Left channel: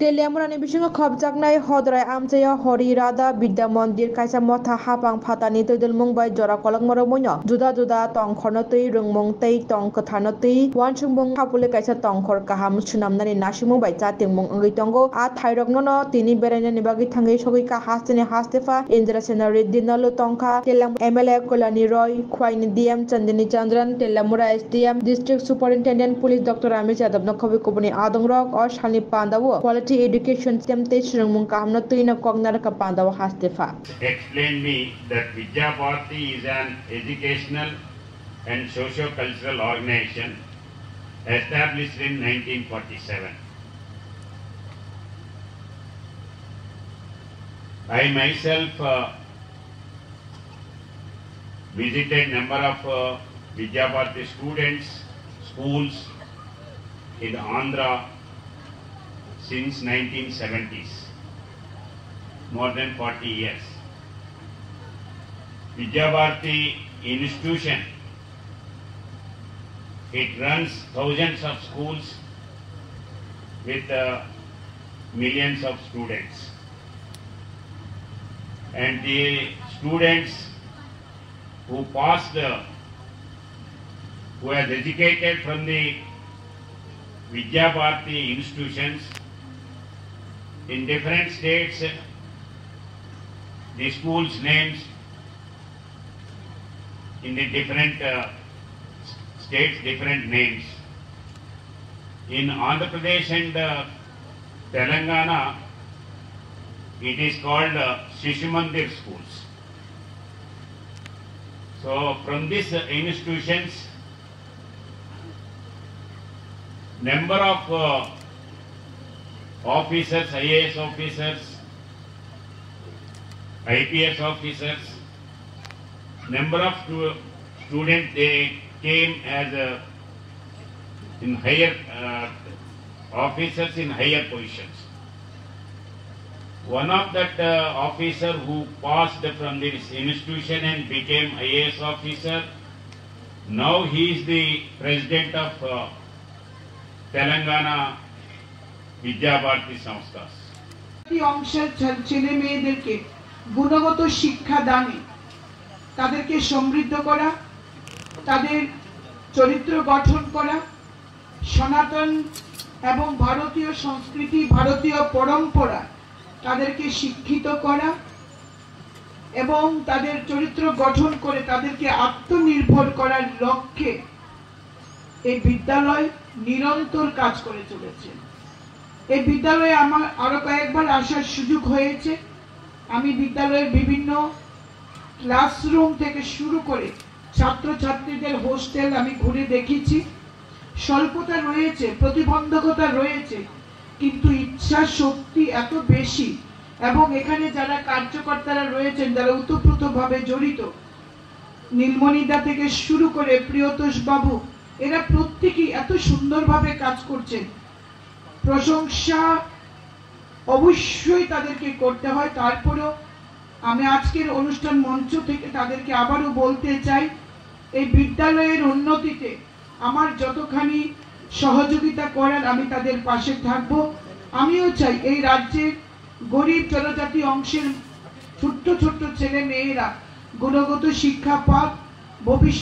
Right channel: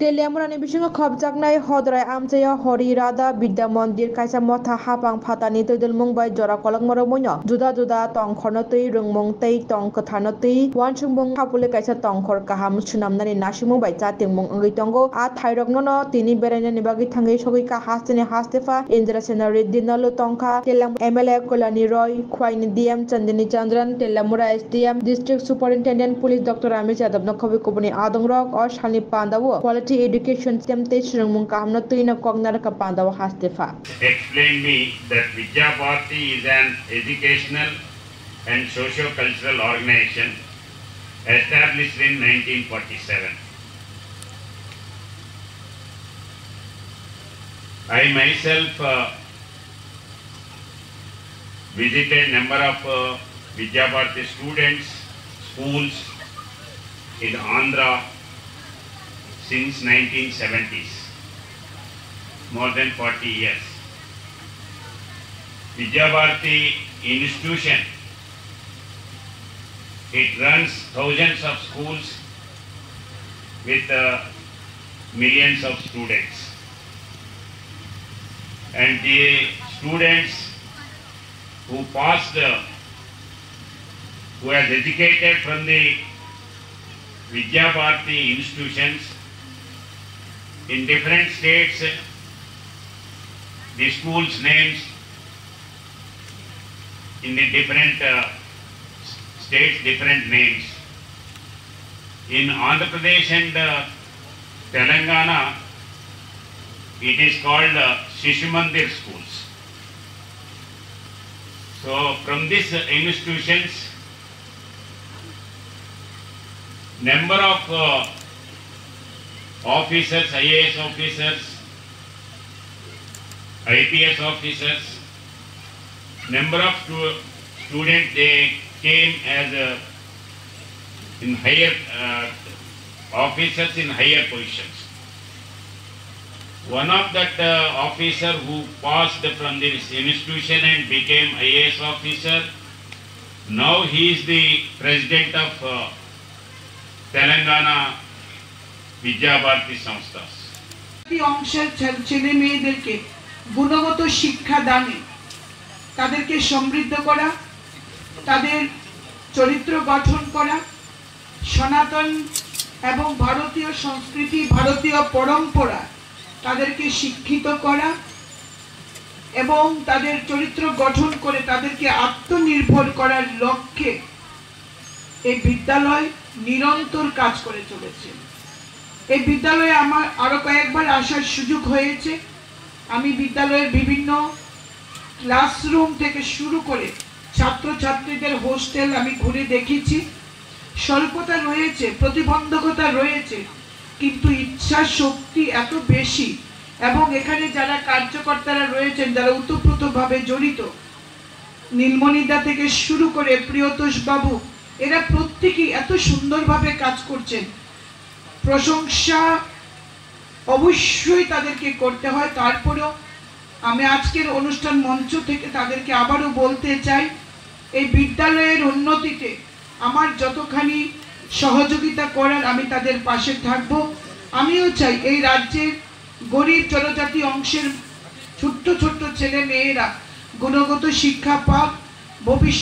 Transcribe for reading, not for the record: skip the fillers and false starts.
Teleamurani bisingo khobjaknai hodrai amchaya hori rada vidya mandir kaisa motha hapang phatani toidel mungbai jora kolokmoro moino juda juda tongkhorno tui rungmung tei tong kwthano tui wansukmung hapule kaisa tongkhor kaham sunamnani nasimung bai chatingmung ongoi tongo a thairokno no tini berainani bagi thangai sogoi ka hasteni hastefa Indra Sena Reddy nalu tongkha Telam MLA Kolani Roy khwaini DM Chandini Chandran Telamura SDM District Superintendent Police Dr. Ramesh Yadav no khobi kubuni adongrok or shani pandawo education system rungmung kahamna tuina kognar ka pandaw hastefa explained me that Vidya Bharati is an educational and socio-cultural organization established in 1947. I myself visited number of Vidya Bharati students, schools in Andhra since 1970s, more than 40 years. Vidya Bharati institution, it runs thousands of schools with millions of students. And the students who passed, who has educated from the Vidya Bharati institutions in different states, the schools' names in the different states, different names. In Andhra Pradesh and Telangana, it is called Shishu Mandir schools. So from these institutions, number of officers, IAS officers, IPS officers, number of students, they came as in higher officers in higher positions. One of that officer who passed from this institution and became IAS officer, now he is the president of Telangana Vidya Bharati Samsthas. অংশের ছেলে মেয়েদেরকে গুণগত শিক্ষা দানে তাদেরকে সমৃদ্ধ করা, তাদের চরিত্র গঠন করা, সনাতন এবং ভারতীয় সংস্কৃতি, ভারতীয় পরম্পরা তাদেরকে শিক্ষিত করা এবং তাদের চরিত্র গঠন করে তাদেরকে আত্মনির্ভর করার লক্ষ্যে এই বিদ্যালয় নিরন্তর কাজ করে চলেছে। এই বিদ্যালয়ে আমার আরো কয়েকবার আসার সুযোগ হয়েছে। আমি বিদ্যালয়ের বিভিন্ন ক্লাসরুম থেকে শুরু করে ছাত্রছাত্রীদের হোস্টেল আমি ঘুরে দেখেছি। স্বল্পতা রয়েছে, প্রতিবন্ধকতা রয়েছে, কিন্তু ইচ্ছা শক্তি এত বেশি এবং এখানে যারা কার্যকর্তারা রয়েছেন, যারা ওতপ্রোতভাবে জড়িত, নীলমণিদা থেকে শুরু করে প্রিয়তোষ বাবু, এরা প্রত্যেকেই এত সুন্দরভাবে কাজ করছেন। প্রশংসা অবশ্যই তাদেরকে করতে হয়। তারপরেও আমি আজকের অনুষ্ঠান মঞ্চ থেকে তাদেরকে আবারও বলতে চাই, এই বিদ্যালয়ের উন্নতিতে আমার যতখানি সহযোগিতা করার আমি তাদের পাশে থাকব। আমিও চাই এই রাজ্যের গরিব জনজাতি অংশের ছোট্ট ছোট্ট ছেলে মেয়েরা গুণগত শিক্ষা পাক, ভবিষ্যৎ